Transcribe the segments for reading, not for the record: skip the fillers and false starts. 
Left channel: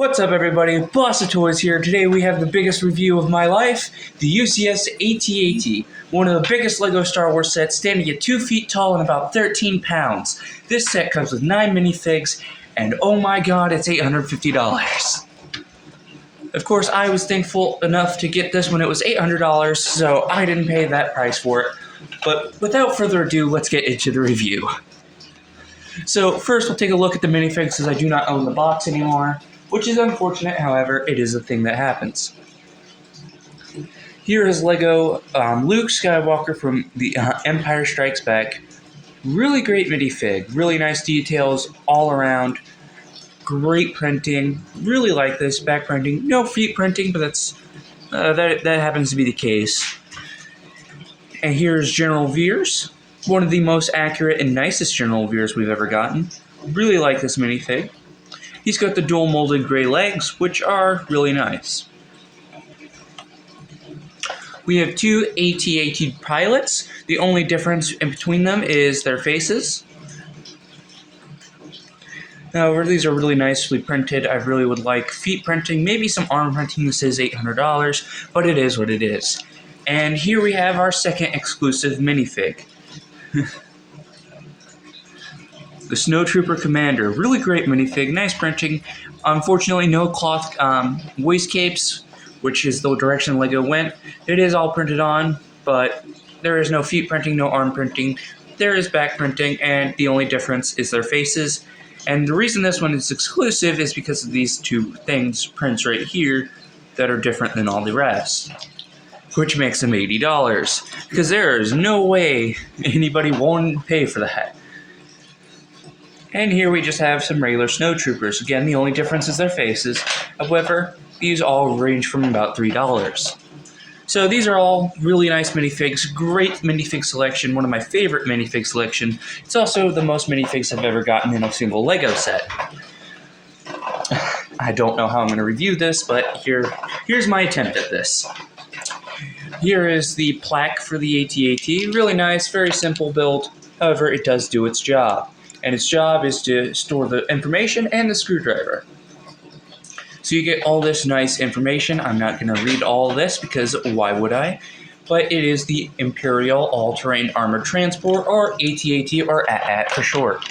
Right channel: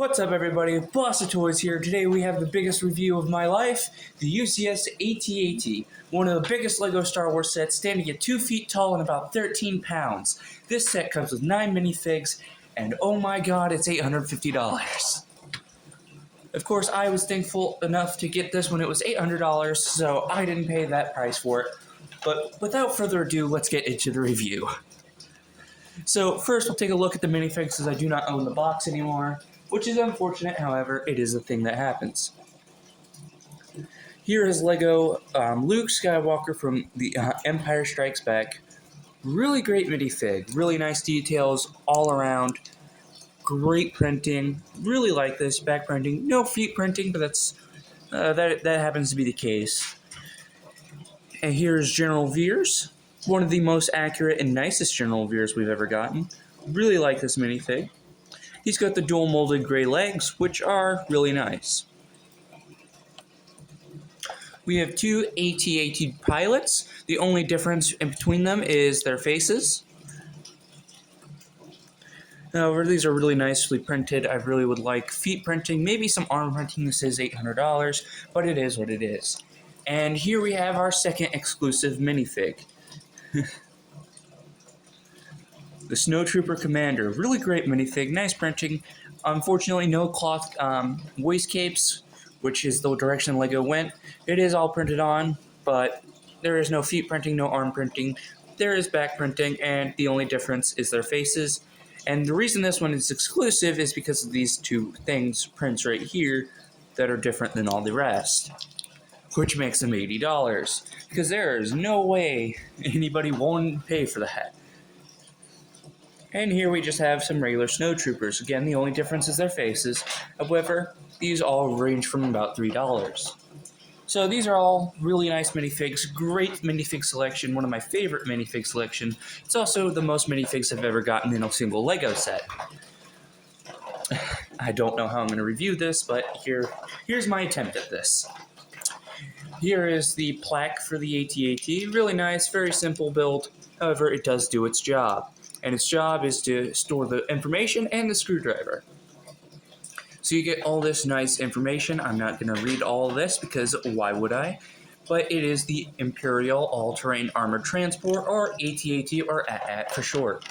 What's up, everybody? Boss of Toys here. Today we have the biggest review of my life, the UCS AT-AT, one of the biggest LEGO Star Wars sets, standing at 2 feet tall and about 13 pounds. This set comes with 9 minifigs, and oh my god, it's $850. Of course, I was thankful enough to get this when it was $800, so I didn't pay that price for it. But without further ado, let's get into the review. So first, we'll take a look at the minifigs, as I do not own the box anymore. Which is unfortunate, however, it is a thing that happens. Here is LEGO Luke Skywalker from the Empire Strikes Back. Really great minifig, really nice details all around. Great printing, really like this, back printing. No feet printing, but that happens to be the case. And here's General Veers, one of the most accurate and nicest General Veers we've ever gotten. Really like this minifig. He's got the dual molded gray legs, which are really nice. We have two AT-AT pilots. The only difference in between them is their faces. However, these are really nicely printed. I really would like feet printing, maybe some arm printing. This is $800, but it is what it is. And here we have our second exclusive minifig. The Snowtrooper Commander, really great minifig, nice printing. Unfortunately, no cloth waist capes, which is the direction LEGO went. It is all printed on, but there is no feet printing, no arm printing. There is back printing, and the only difference is their faces. And the reason this one is exclusive is because of these two prints right here, that are different than all the rest, which makes them $80. Because there is no way anybody won't pay for that. And here we just have some regular snowtroopers. Again, the only difference is their faces. However, these all range from about $3. So these are all really nice minifigs. Great minifig selection. One of my favorite minifig selection. It's also the most minifigs I've ever gotten in a single LEGO set. I don't know how I'm going to review this, but here's my attempt at this. Here is the plaque for the AT-AT. Really nice, very simple build. However, it does do its job. And its job is to store the information and the screwdriver. So you get all this nice information. I'm not going to read all this because why would I? But it is the Imperial All-Terrain Armored Transport, or AT-AT, or AT-AT for short.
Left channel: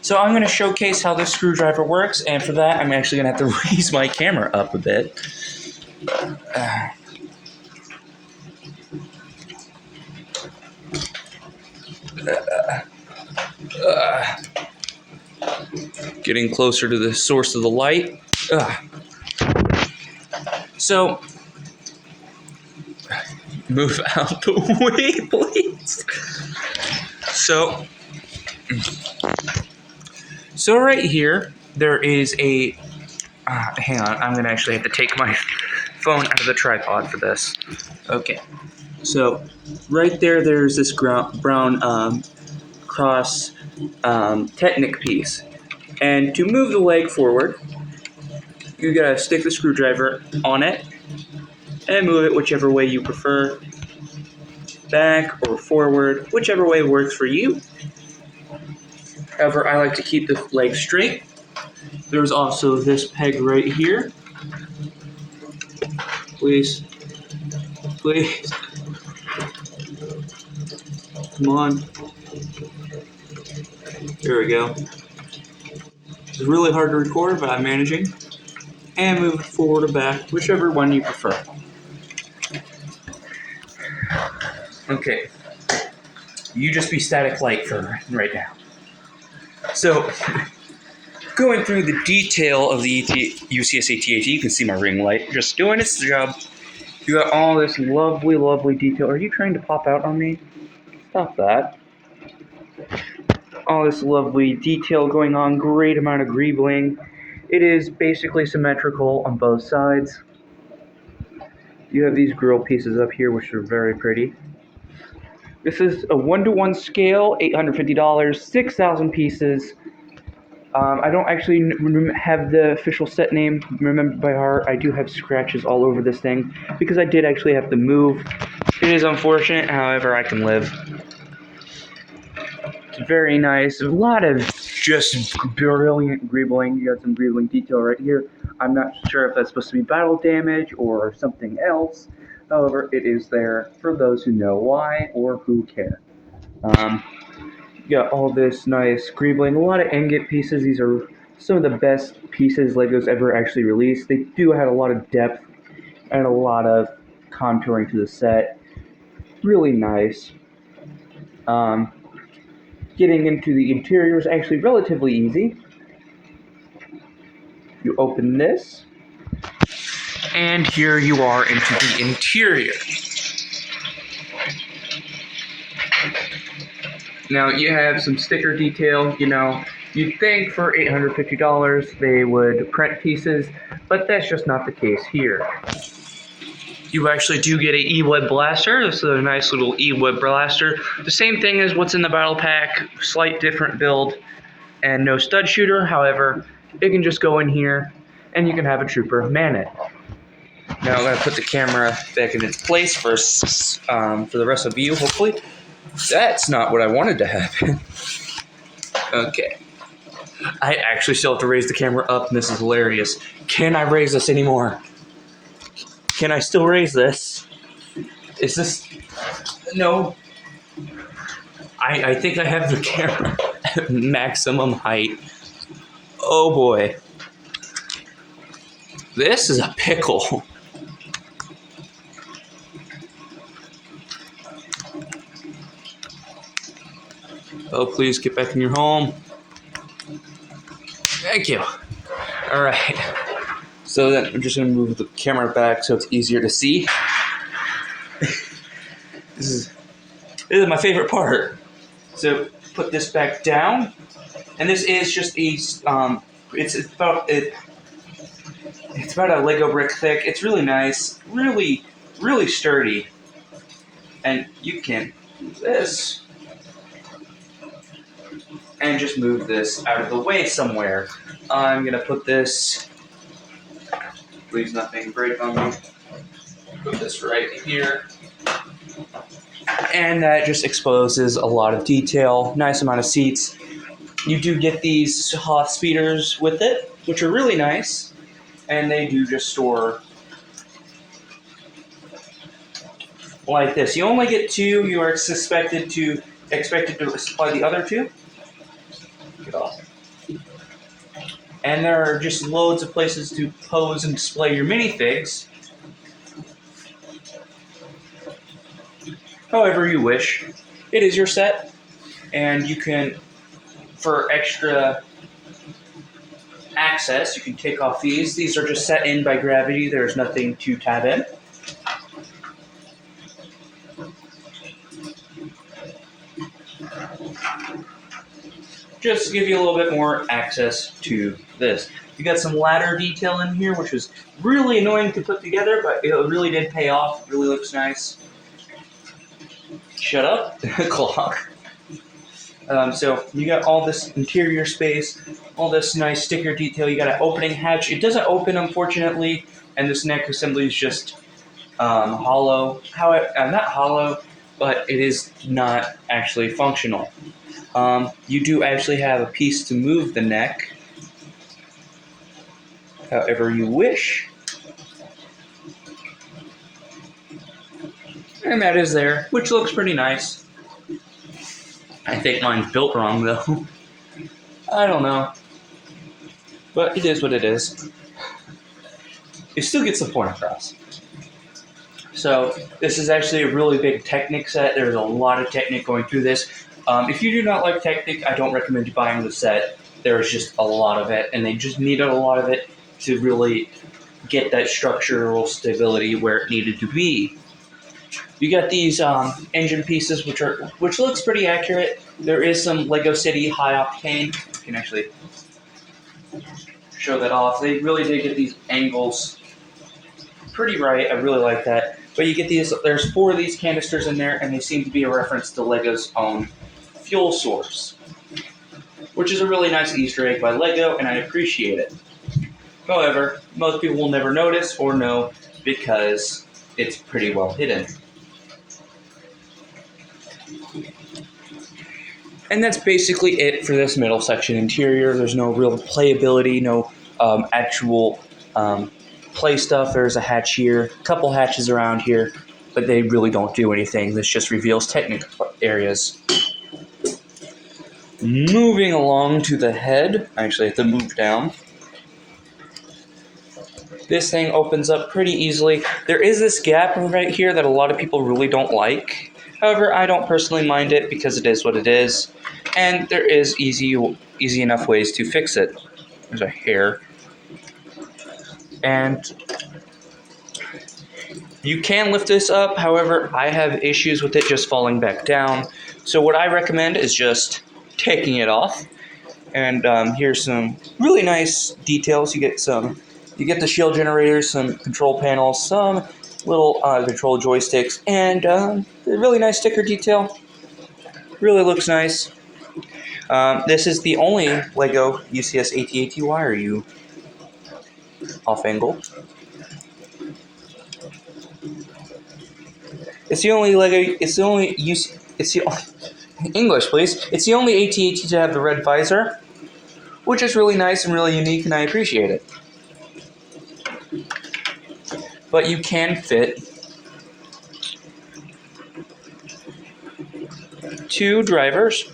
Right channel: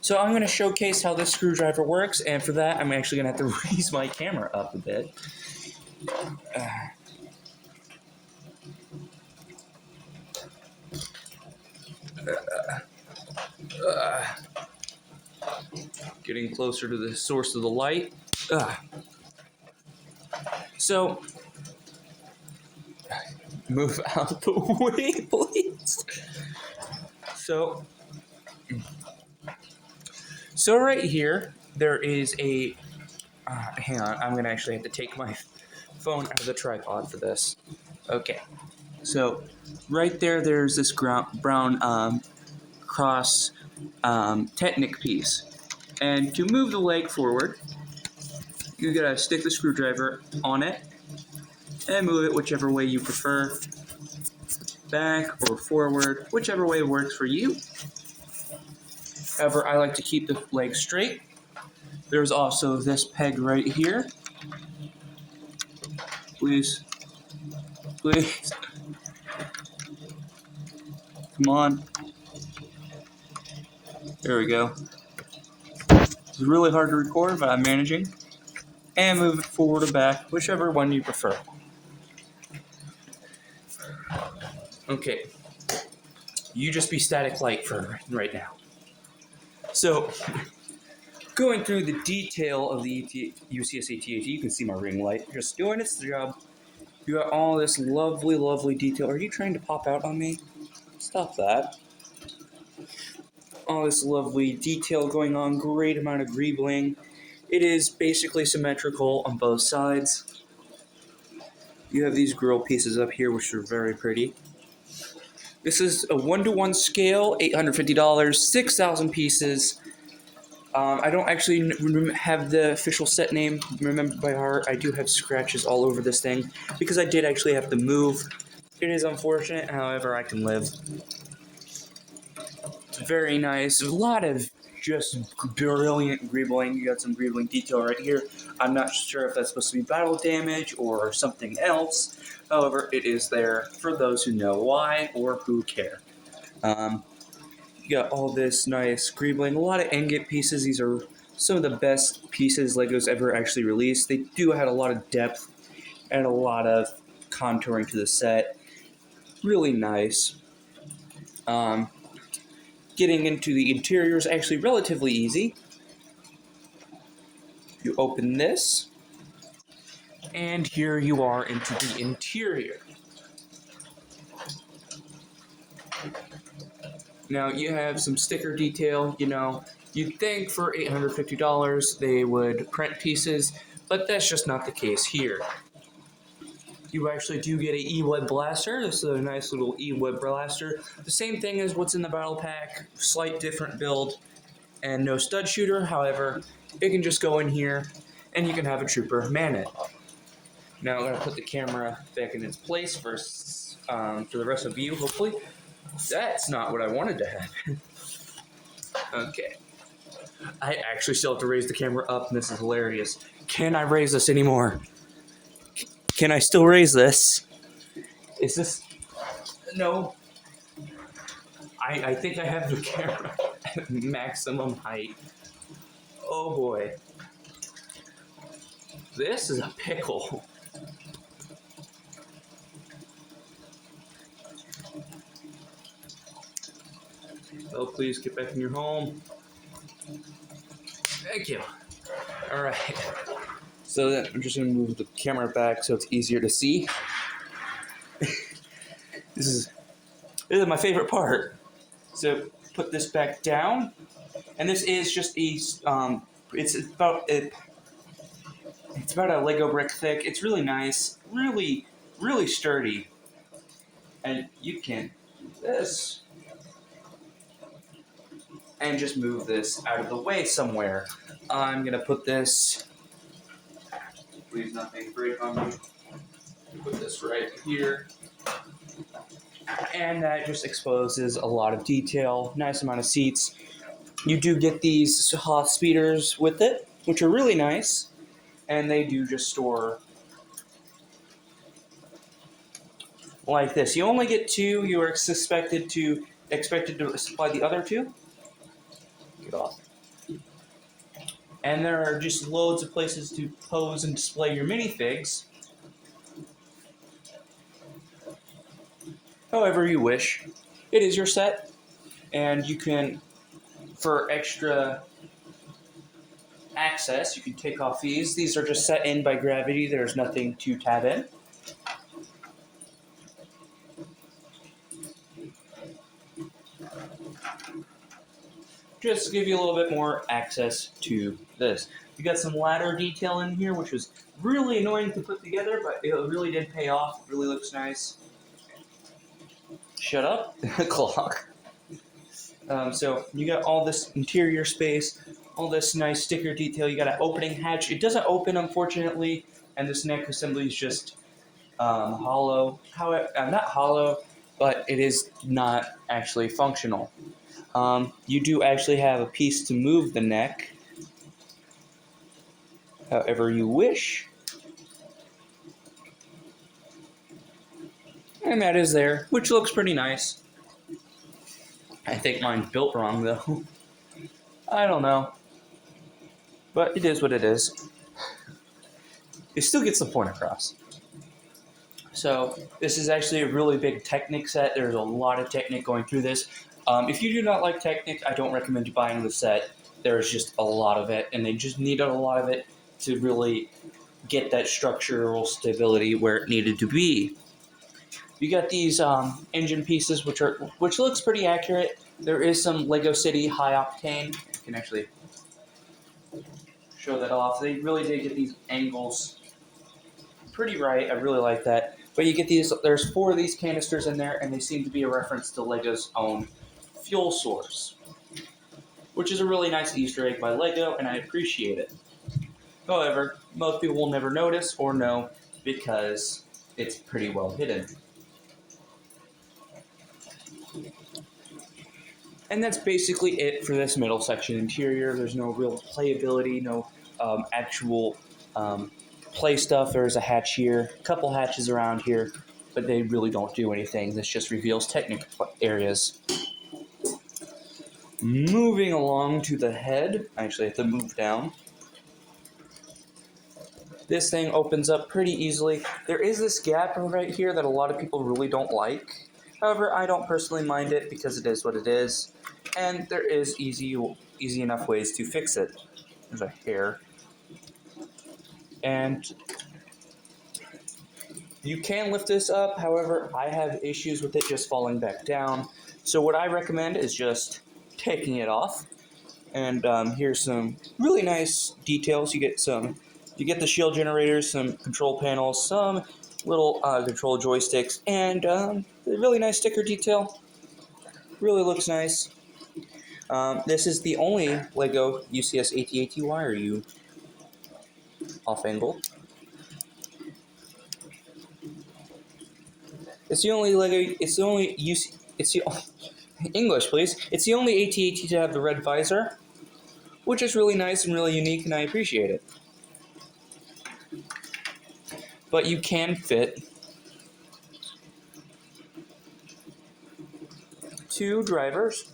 So I'm going to showcase how this screwdriver works, and for that I'm actually going to have to raise my camera up a bit. Getting closer to the source of the light. So, move out the way, please. So right here, there is a... hang on, I'm going to actually have to take my phone out of the tripod for this. Okay. So, right there, there's this brown cross Technic piece. And to move the leg forward, you gotta stick the screwdriver on it and move it whichever way you prefer. Back or forward, whichever way works for you. However, I like to keep the leg straight. There's also this peg right here. Please. Please. Come on. There we go. It's really hard to record, but I'm managing. And move it forward or back, whichever one you prefer. Okay. You just be static light for right now. So, going through the detail of the UCS AT-AT, you can see my ring light just doing its job. You got all this lovely, lovely detail. Are you trying to pop out on me? Stop that. All this lovely detail going on, great amount of greebling. It is basically symmetrical on both sides. You have these grill pieces up here, which are very pretty. This is a 1-to-1 scale, $850, 6,000 pieces. I don't actually have the official set name remembered by heart. I do have scratches all over this thing because I did actually have to move. It is unfortunate, however, I can live. Very nice. A lot of just brilliant greebling. You got some greebling detail right here. I'm not sure if that's supposed to be battle damage or something else. However, it is there for those who know why or who care. You got all this nice greebling, a lot of ingot pieces. These are some of the best pieces LEGO's ever actually released. They do have a lot of depth and a lot of contouring to the set. Really nice. Getting into the interior is actually relatively easy. You open this, and here you are into the interior. Now you have some sticker detail. You'd think for $850 they would print pieces, but that's just not the case here. You actually do get an E-Web blaster. This is a nice little E-Web blaster. The same thing as what's in the battle pack, slight different build, and no stud shooter. However, it can just go in here, and you can have a trooper man it. Now I'm going to put the camera back in its place for the rest of you, hopefully. That's not what I wanted to happen. Okay. I actually still have to raise the camera up, and this is hilarious. Can I raise this anymore? Can I still raise this? Is this... No. I think I have the camera at maximum height. Oh boy. This is a pickle. Oh, please get back in your home. Thank you. All right. So then I'm just going to move the camera back so it's easier to see. This is my favorite part. So put this back down, and this is just a it's about a Lego brick thick. It's really nice, really sturdy, and you can do this and just move this out of the way somewhere. I'm gonna put this. Please, nothing break on me. Put this right here. And that just exposes a lot of detail. Nice amount of seats. You do get these Hoth speeders with it, which are really nice. And they do just store like this. You only get two. You are expected to supply the other two. Get off. And there are just loads of places to pose and display your minifigs. However you wish. It is your set, and you can, for extra access, you can take off these. These are just set in by gravity. There's nothing to tab in. Just to give you a little bit more access to this. You got some ladder detail in here, which was really annoying to put together, but it really did pay off. It really looks nice. Shut up, clock. So you got all this interior space, all this nice sticker detail. You got an opening hatch. It doesn't open, unfortunately, and this neck assembly is just hollow. Not hollow, but it is not actually functional. You do actually have a piece to move the neck, however you wish. And that is there, which looks pretty nice. I think mine's built wrong, though. I don't know. But it is what it is. It still gets the point across. So, this is actually a really big Technic set. There's a lot of Technic going through this. If you do not like Technic, I don't recommend you buying the set. There's just a lot of it, and they just needed a lot of it to really get that structural stability where it needed to be. You got these engine pieces, which looks pretty accurate. There is some Lego City high octane. You can actually show that off. They really did get these angles pretty right. I really like that. But you get these. There's 4 of these canisters in there, and they seem to be a reference to Lego's own fuel source, which is a really nice Easter egg by Lego, and I appreciate it. However, most people will never notice or know because it's pretty well hidden. And that's basically it for this middle section interior. There's no real playability, no actual play stuff. There's a hatch here, a couple hatches around here, but they really don't do anything. This just reveals technical areas. Moving along to the head, I actually have to move down. This thing opens up pretty easily. There is this gap right here that a lot of people really don't like. However, I don't personally mind it because it is what it is. And there is easy enough ways to fix it. There's a hair. And you can lift this up. However, I have issues with it just falling back down. So what I recommend is just taking it off. And here's some really nice details. You get the shield generators, some control panels, some little control joysticks, and a really nice sticker detail. Really looks nice. This is the only LEGO UCS AT-AT. Why are you off angle? It's the only LEGO. It's the only English, please. It's the only AT-AT to have the red visor, which is really nice and really unique, and I appreciate it. But you can fit 2 drivers.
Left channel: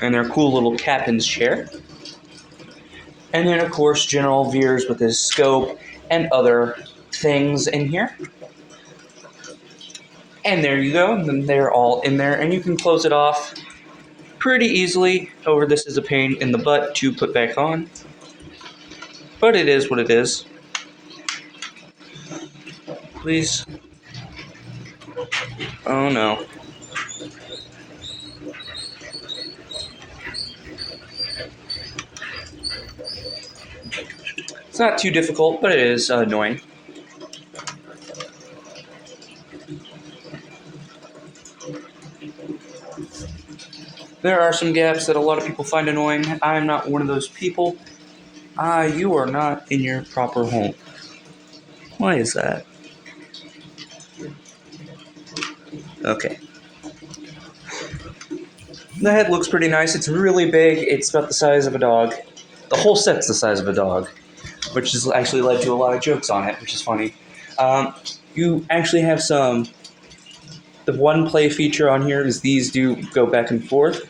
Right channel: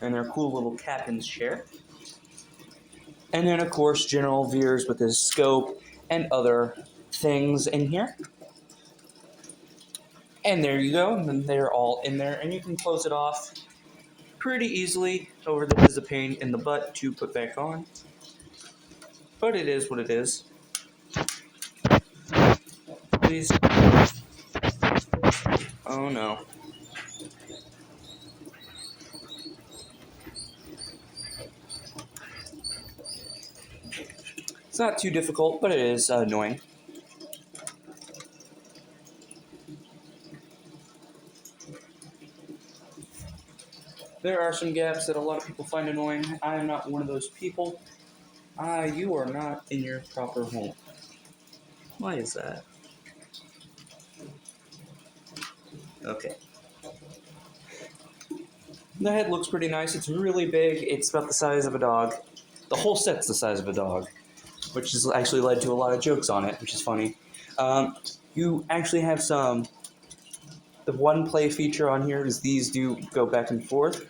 And their cool little captain's chair. And then, of course, General Veers with his scope and other things in here. And there you go. And then they're all in there. And you can close it off pretty easily. However, this is a pain in the butt to put back on. But it is what it is. Please. Oh no. It's not too difficult, but it is annoying. There are some gaps that a lot of people find annoying. I am not one of those people. You are not in your proper home. Why is that? Okay. The head looks pretty nice. It's really big. It's about the size of a dog. The whole set's the size of a dog, which has actually led to a lot of jokes on it, which is funny. You actually have some... The one play feature on here is these do go back and forth,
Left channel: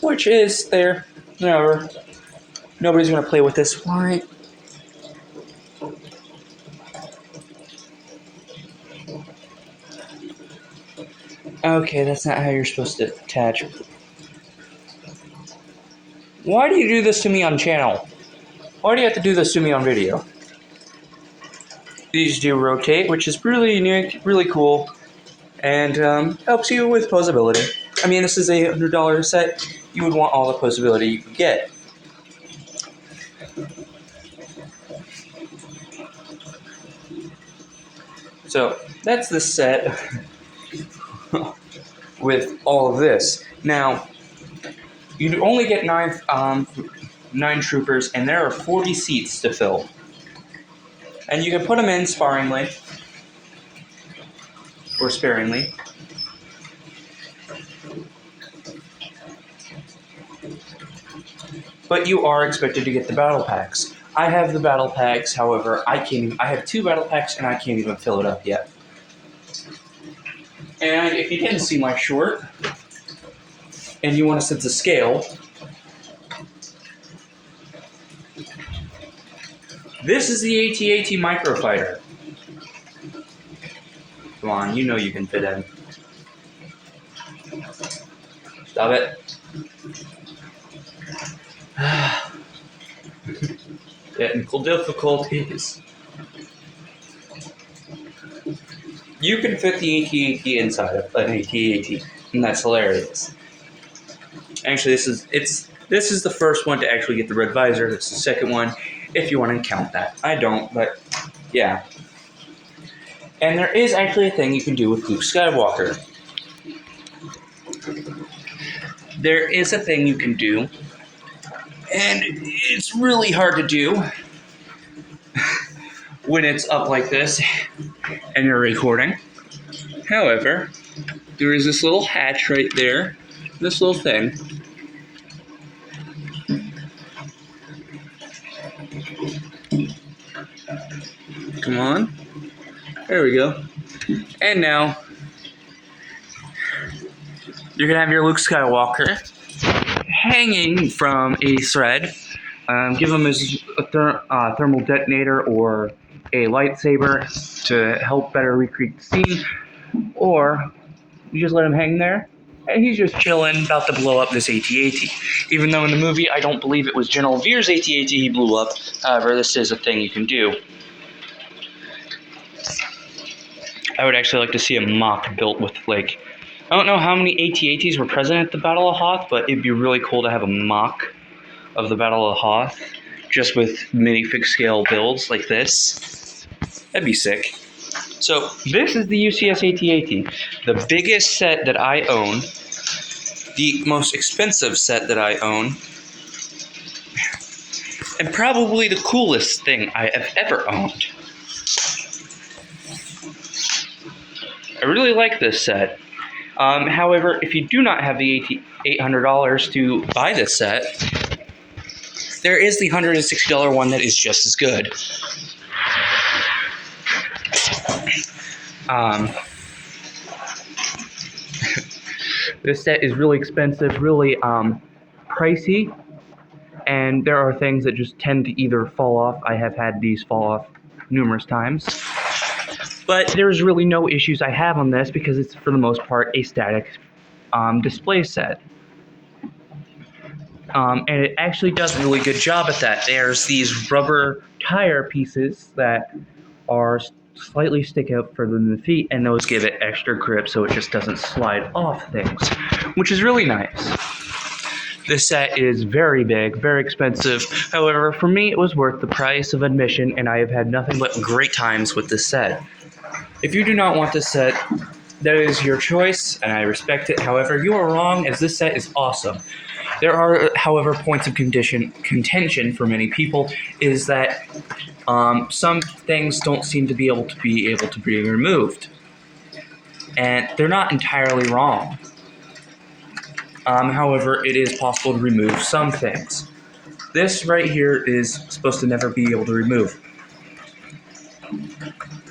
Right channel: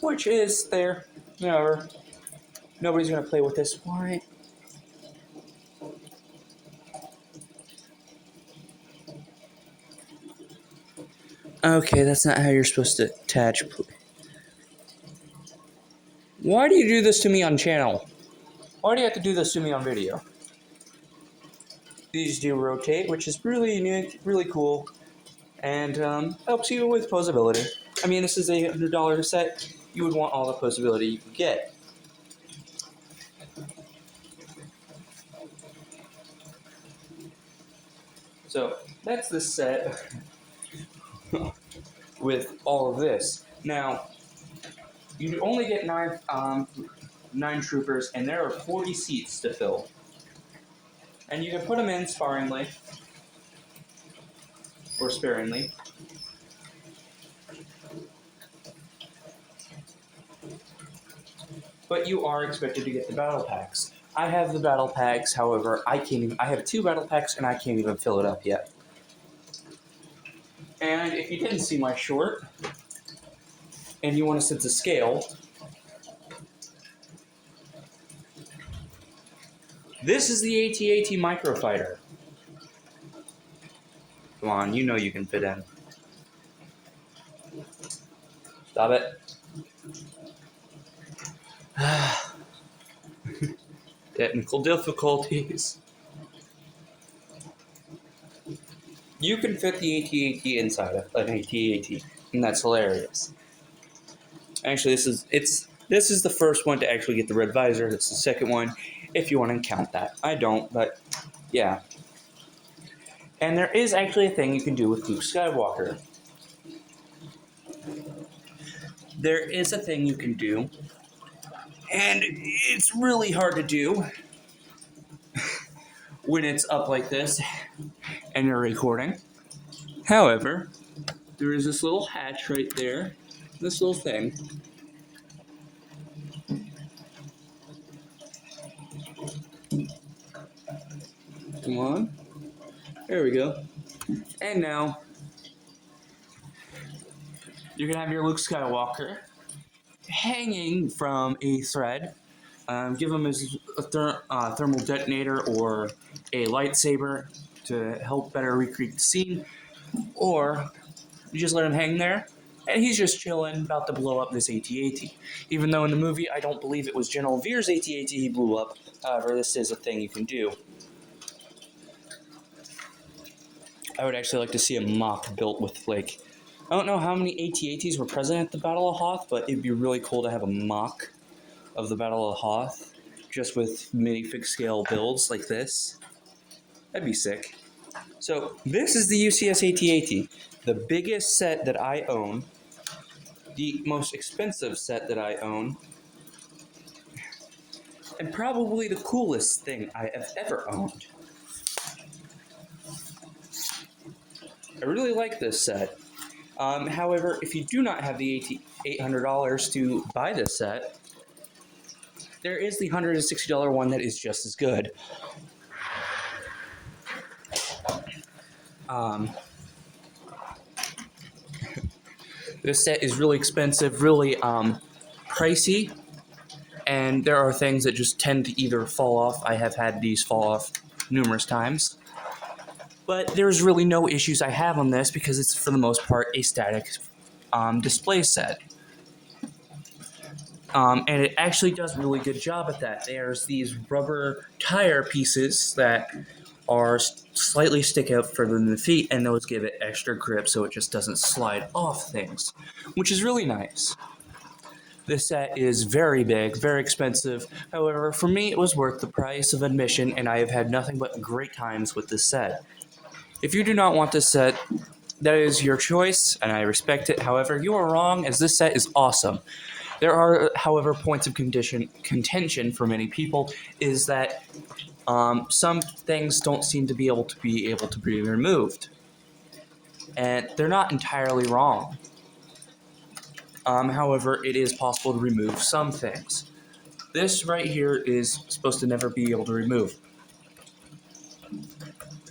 which is there. However, nobody's going to play with this. Why? Okay, that's not how you're supposed to attach. Why do you do this to me on channel? Why do you have to do this to me on video? These do rotate, which is really unique, really cool, and helps you with posability. I mean, this is a $100 set. You would want all the posability you could get. So that's the set with all of this. Now, you only get 9 troopers, and there are 40 seats to fill. And you can put them in sparingly, or sparingly. But you are expected to get the battle packs. I have the battle packs, however, I have 2 battle packs and I can't even fill it up yet. And if you didn't see my short, and you want to sense a scale, this is the AT-AT Microfighter. Come on, you know you can fit in. Stop it. Technical difficulties. You can fit the AT-AT inside of an AT-AT, and that's hilarious. Actually, this is the first one to actually get the red visor. It's the second one, if you want to count that. I don't, but yeah. And there is actually a thing you can do with Luke Skywalker. There is a thing you can do, and it's really hard to do, when it's up like this and you're recording. However, there is this little hatch right there, this little thing. Come on. There we go. And now, you're going to have your Luke Skywalker hanging from a thread. Give him his thermal detonator or a lightsaber to help better recreate the scene. Or you just let him hang there, and he's just chilling, about to blow up this AT-AT. Even though in the movie, I don't believe it was General Veer's AT-AT he blew up. However, this is a thing you can do. I would actually like to see a mock built with, like, I don't know how many AT-ATs were present at the Battle of Hoth, but it'd be really cool to have a mock of the Battle of Hoth, just with minifig scale builds like this. That'd be sick. So, this is the UCS AT-AT, the biggest set that I own, the most expensive set that I own, and probably the coolest thing I have ever owned. I really like this set. However, if you do not have the $800 to buy this set, there is the $160 one that is just as good. This set is really expensive, really pricey, and there are things that just tend to either fall off. I have had these fall off numerous times. But there's really no issues I have on this because it's, for the most part, a static display set. And it actually does a really good job at that. There's these rubber tire pieces that are slightly stick out further than the feet, and those give it extra grip so it just doesn't slide off things, which is really nice. This set is very big, very expensive. However, for me, it was worth the price of admission, and I have had nothing but great times with this set. If you do not want this set, that is your choice, and I respect it. However, you are wrong, as this set is awesome. There are, however, points of contention for many people, is that some things don't seem to be able to be removed. And they're not entirely wrong. However, it is possible to remove some things. This right here is supposed to never be able to remove.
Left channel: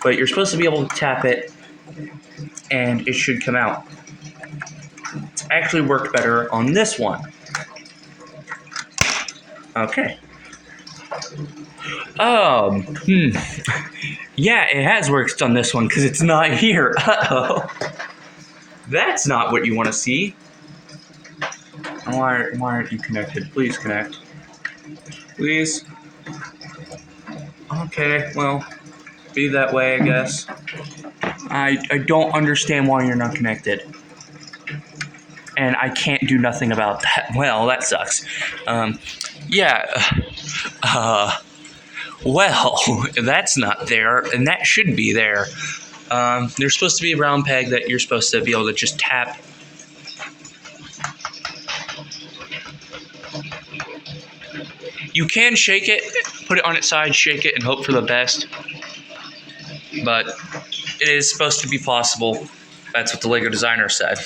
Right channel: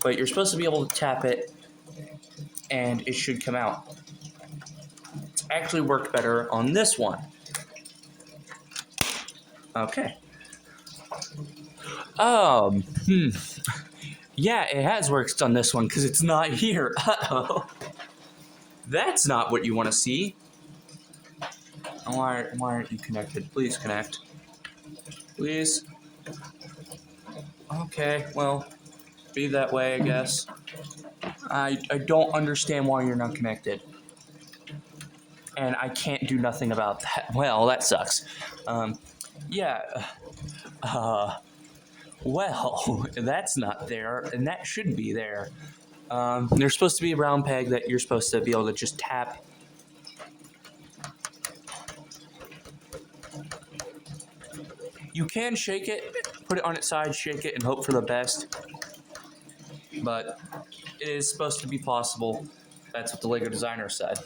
But you're supposed to be able to tap it, and it should come out. It's actually worked better on this one. Okay. Yeah, it has worked on this one, because it's not here. Uh-oh. That's not what you want to see. Why aren't you connected? Please connect. Please. Okay, well, be that way, I guess. I don't understand why you're not connected. And I can't do nothing about that. Well, that sucks. Well, that's not there, and that should be there. There's supposed to be a round peg that you're supposed to be able to just tap. You can shake it, put it on its side, shake it, and hope for the best. But it is supposed to be possible. That's what the Lego designer said.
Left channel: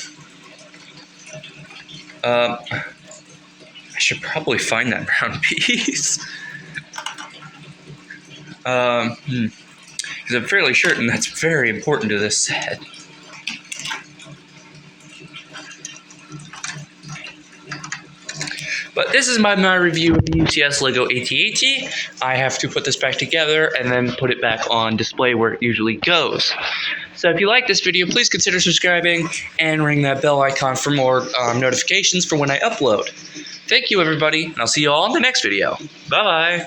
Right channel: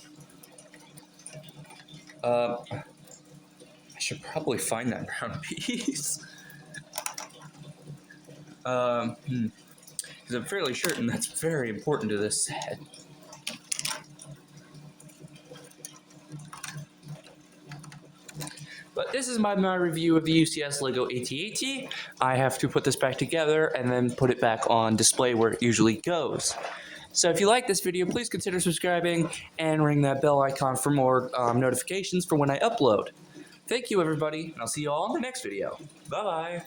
I should probably find that round piece. Because I'm fairly certain that's very important to this set. But this is my review of the UCS Lego AT-AT. I have to put this back together and then put it back on display where it usually goes. So if you like this video, please consider subscribing and ring that bell icon for more notifications for when I upload. Thank you, everybody, and I'll see you all in the next video. Bye-bye.